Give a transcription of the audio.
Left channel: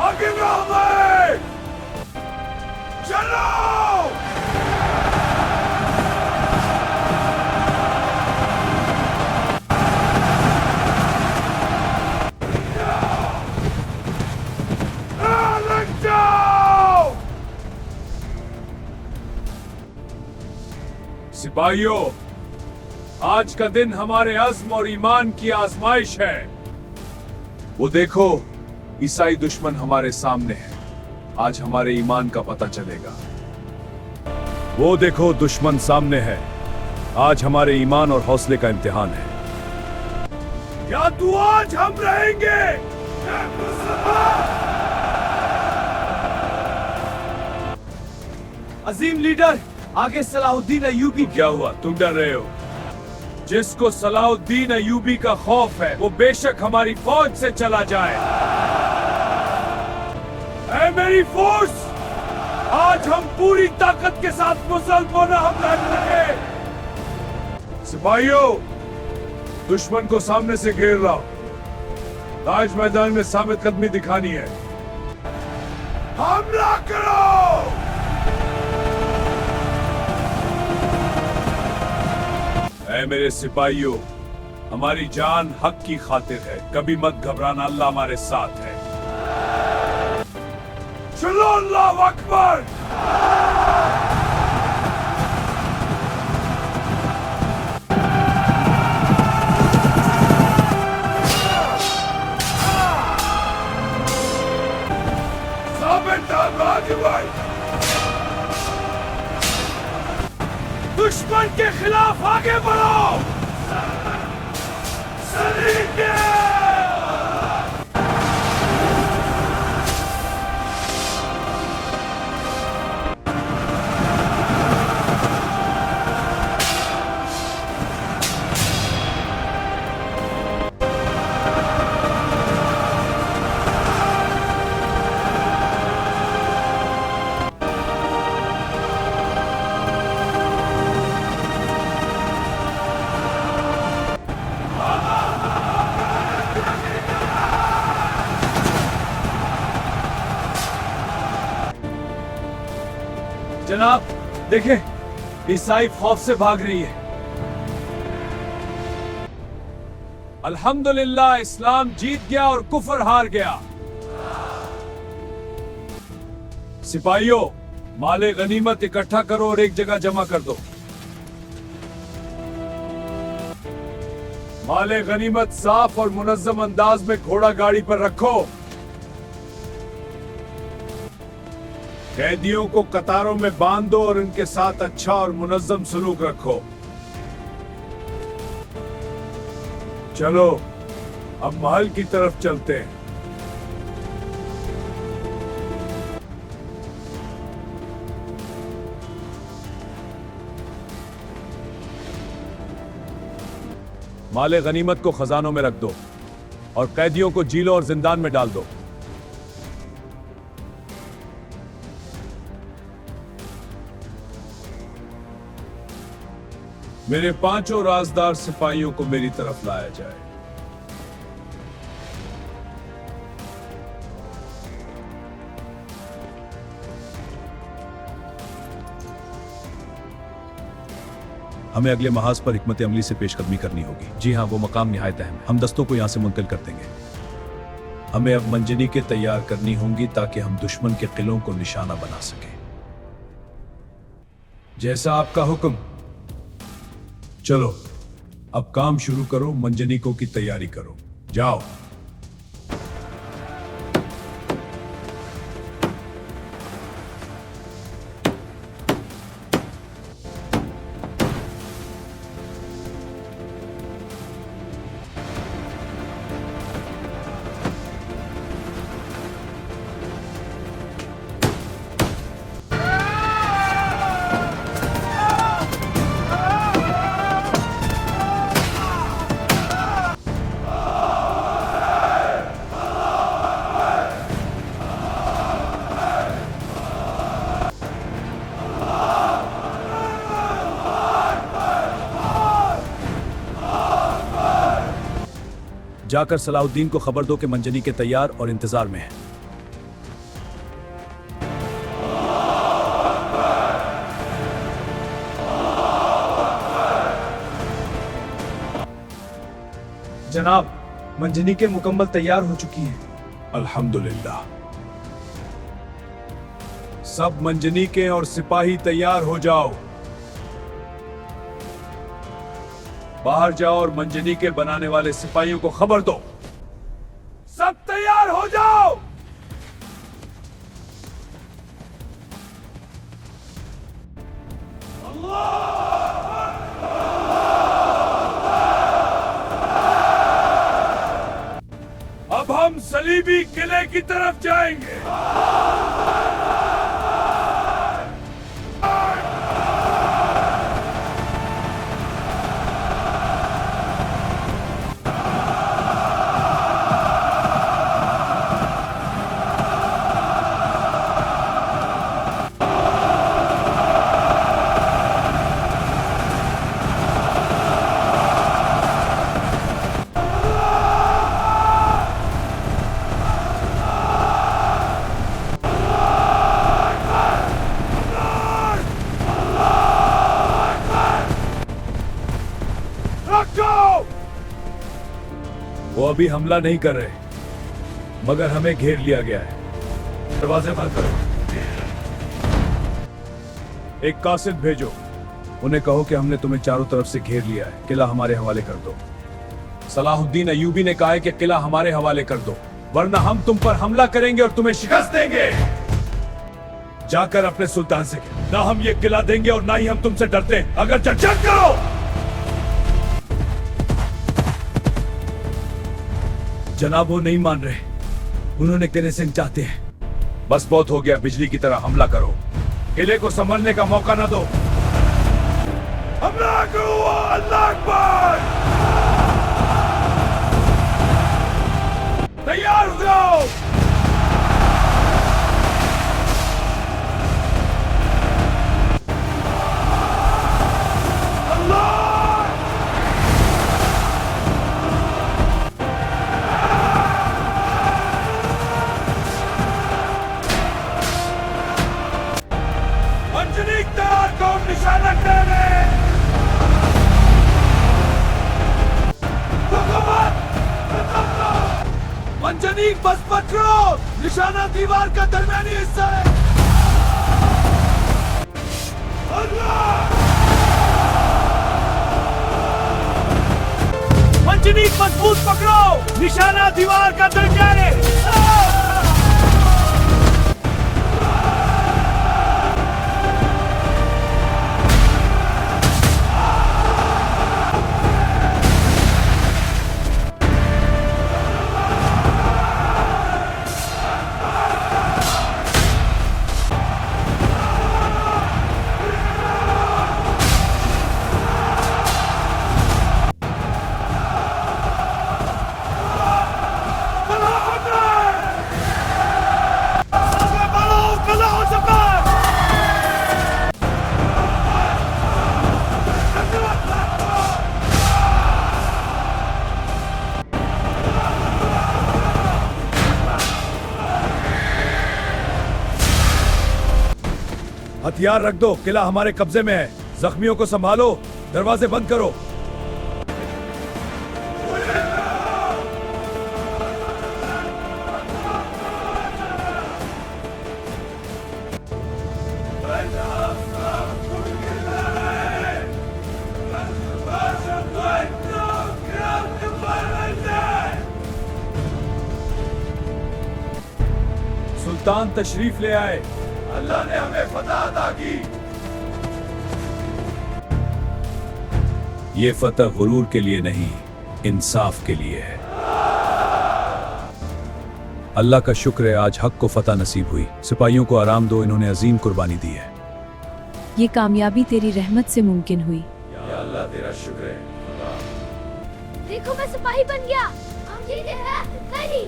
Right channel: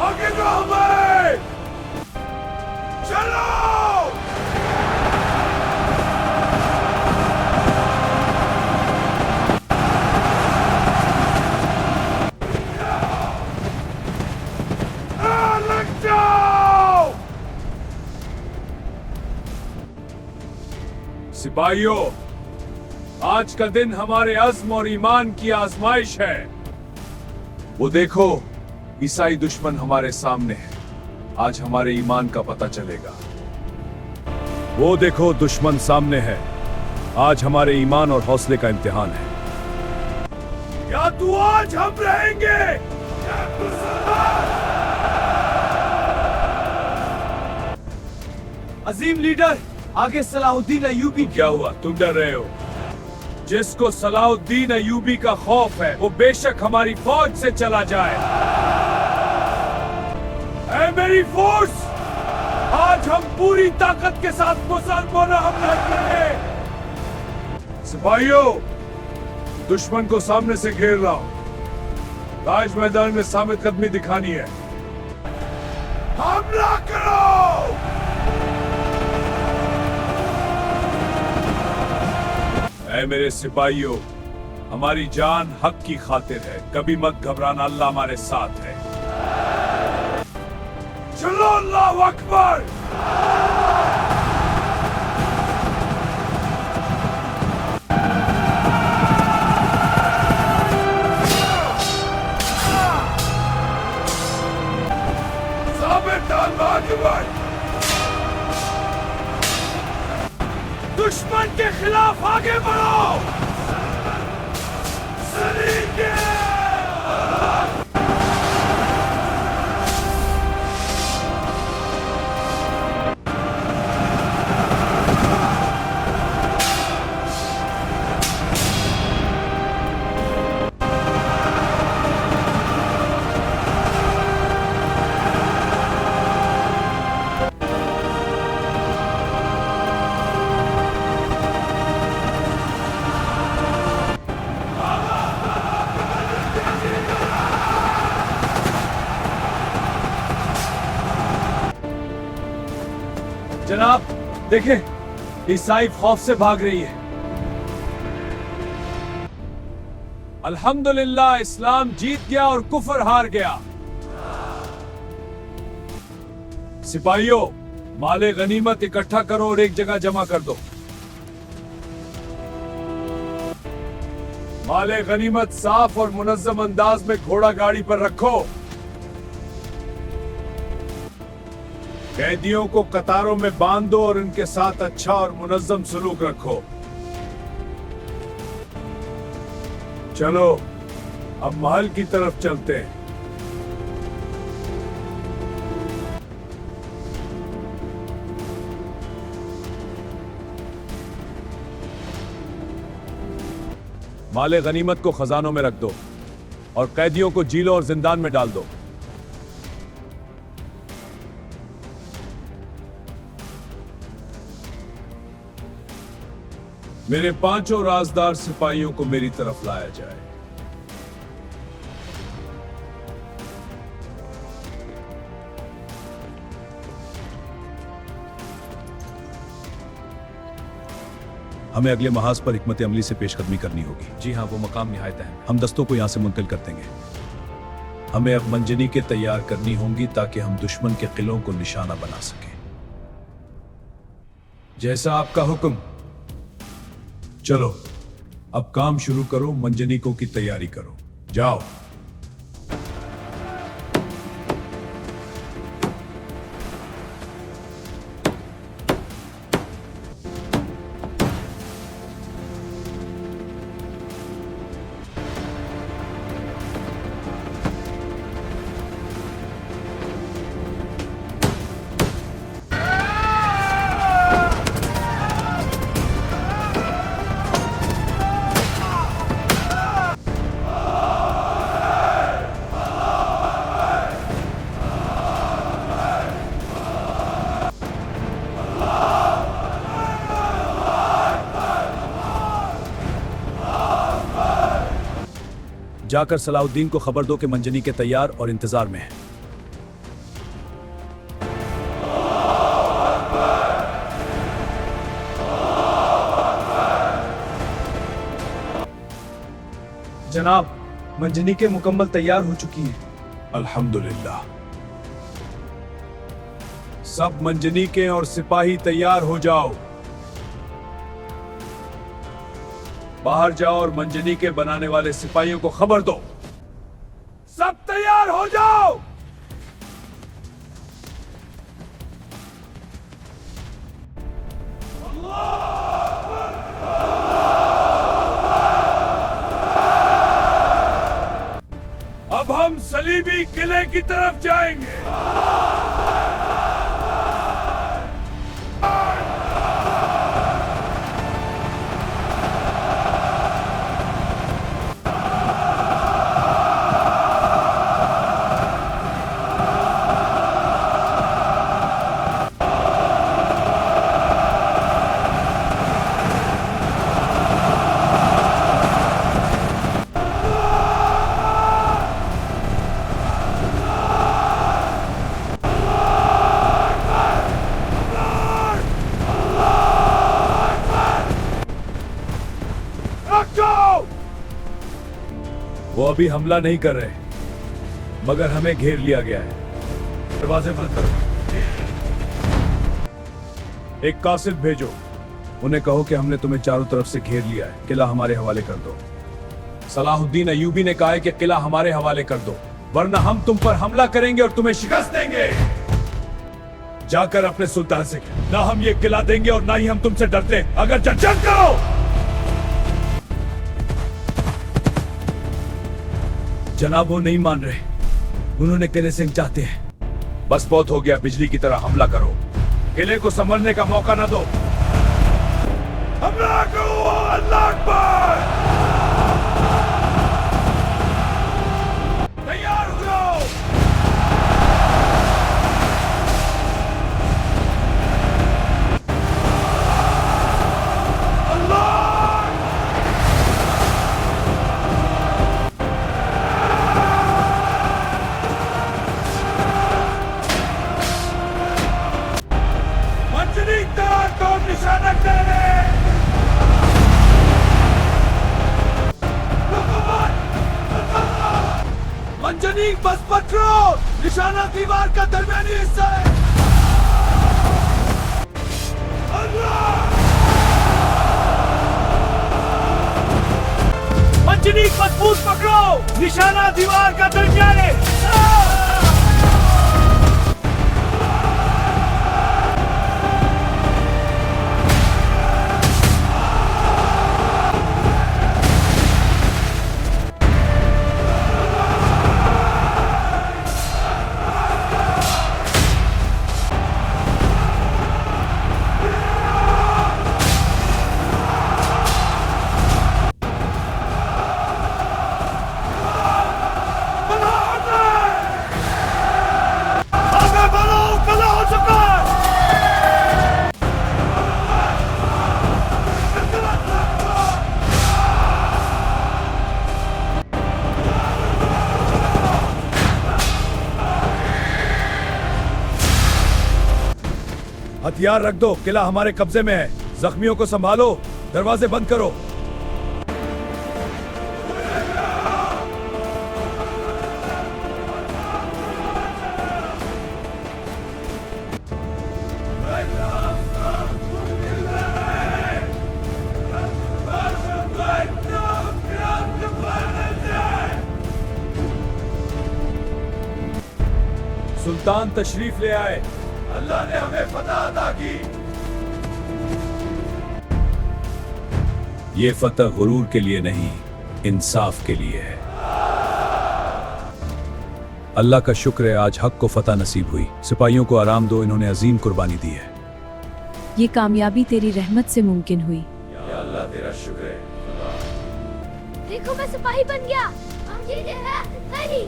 आगे बढ़ो भाई, चलो। लग जाओ सिपाहियों, आज का दिन हमारे अज़्म और ईमान की आजमाइश है। वो देखो, ईसाई दुश्मन हमारे सामने है। आज हमारे ईमान का पता चलेगा। वो देखो, दुश्मन सामने है। आज हमारे ईमान और हौसले का इम्तिहान है। या तू आज हम रहेंगे। अजीम लीडर, आगे सलाहुद्दीन अय्यूबी। क्या हुआ, तुम डर रहे हो? जिसको सलाहुद्दीन अय्यूबी का खौफ है, वो बेशक हमारी फौज से चला जाए। ऐ मेरी फोर्स, आज हम पूरी ताकत के साथ मुसलमानों पर हमला करेंगे। सिपाहियों, दुश्मन को सामने से घेर लाओ। ताज मैदान में साबित कदमी दिखानी है। हमला करो। ऐ मेरे सिपाहियों, हमारी जान हक की खातिर है। कभी मत घबराना, अल्लाह हमारे साथ है। चलो, अल्लाहु अकबर। दुश्मन के खिलाफ आगे बढ़ो। जनाब देखें, ईसाई खौफ से भाग रही है। अल्हम्दुलिल्लाह, इस्लाम जीत गया और कुफर हार गया। सिपाहियों, माले गनीमत इकट्ठा करो और एक जगह जमा कर दो। माले गनीमत साफ और मुनज्जम अंदाज में घोड़ा गाड़ी पर रखो। कैदियों को कतारों में बांध दो और उनके साथ अच्छा और मुनज्जम सलूक रखो। चलो, अब महल की तरफ चलते हैं। माले गनीमत को खजानों में रख दो और कैदियों को जेलों और जिंदान में डाल दो। मेरे 5 राजदार सिपाहियों को मेरी तरफ लाया जाए। हमें अगले महाज पर हिकमत अमली से पेशकदमी करनी होगी। जी हाँ, वो मकाम निहायत अहम है। हम दस्तों को यहाँ से मुंतकिल कर देंगे। हमें अब मंजनीकें तैयार करनी होंगी ताकि हम दुश्मन के किलों को निशाना बना सकें। जैसा आपका हुक्म। चलो, अब काम शुरू करो। मंजनीकों की तैयारी करो। जाओ। जाकर सलाहुद्दीन को खबर दो कि मंजनी के तैयार और इंतजार में है। जनाब, मंजनी के मुकम्मल तैयार हो चुकी है। अल्हम्दुलिल्लाह। सब मंजनी के और सिपाही तैयार हो जाओ। बाहर जाओ और मंजनी के बनाने वाले सिपाहियों को खबर दो। सब तैयार हो जाओ। अब हम सलीबी किले की तरफ जाएंगे। वो अभी हमला नहीं कर रहे, मगर हमें घेर लिया गया है। दरवाजे बंद करो। एक कासिद भेजो, उन्हें कहो कि हमने तुम्हें चारों तरफ से घेर लिया है, किला हमारे हवाले कर दो। सलाहुद्दीन अय्यूबी ने कहा है कि किला हमारे हवाले कर दो, वरना हम तुम पर हमला करेंगे और तुम्हें शिकस्त देंगे। जाकर अपने सुल्तान से कहो, ना हम ये किला देंगे और ना ही हम तुमसे डरते हैं। अगर जल्द करो। जनाब, वो नहीं मान रहे, उन्होंने किले से चाहते हैं। बस बहुत हो गया, बिजली की तरह हमला करो, किले को संभलने का मौका ना दो। हमला करो। अल्लाह अकबर। तैयार हो जाओ। मंजनी, बस पकड़ो, निशाना दीवार का दरमियानी हिस्सा है। मंजनी, मजबूत पकड़ो, निशाना दीवार का दरमियानी। हथियार रख दो, किला हमारे कब्जे में है। जख्मियों को संभालो, दरवाजे बंद करो। सुल्तान तशरीफ ले आए। अल्लाह ने हमें फतह अता की। ये फतह गुरूर के लिए नहीं, इंसाफ के लिए है। अल्लाह का शुक्र है, आज हक को फतह नसीब हुई। सिपाहियों को आराम दो, इन्होंने अजीम कुर्बानी दी है। ये कामयाबी तेरी रहमत से मुमकिन हुई। या अल्लाह, तेरा शुक्र है। देखो, मैं सिपाही बन गया। हम जीते हैं। नहीं।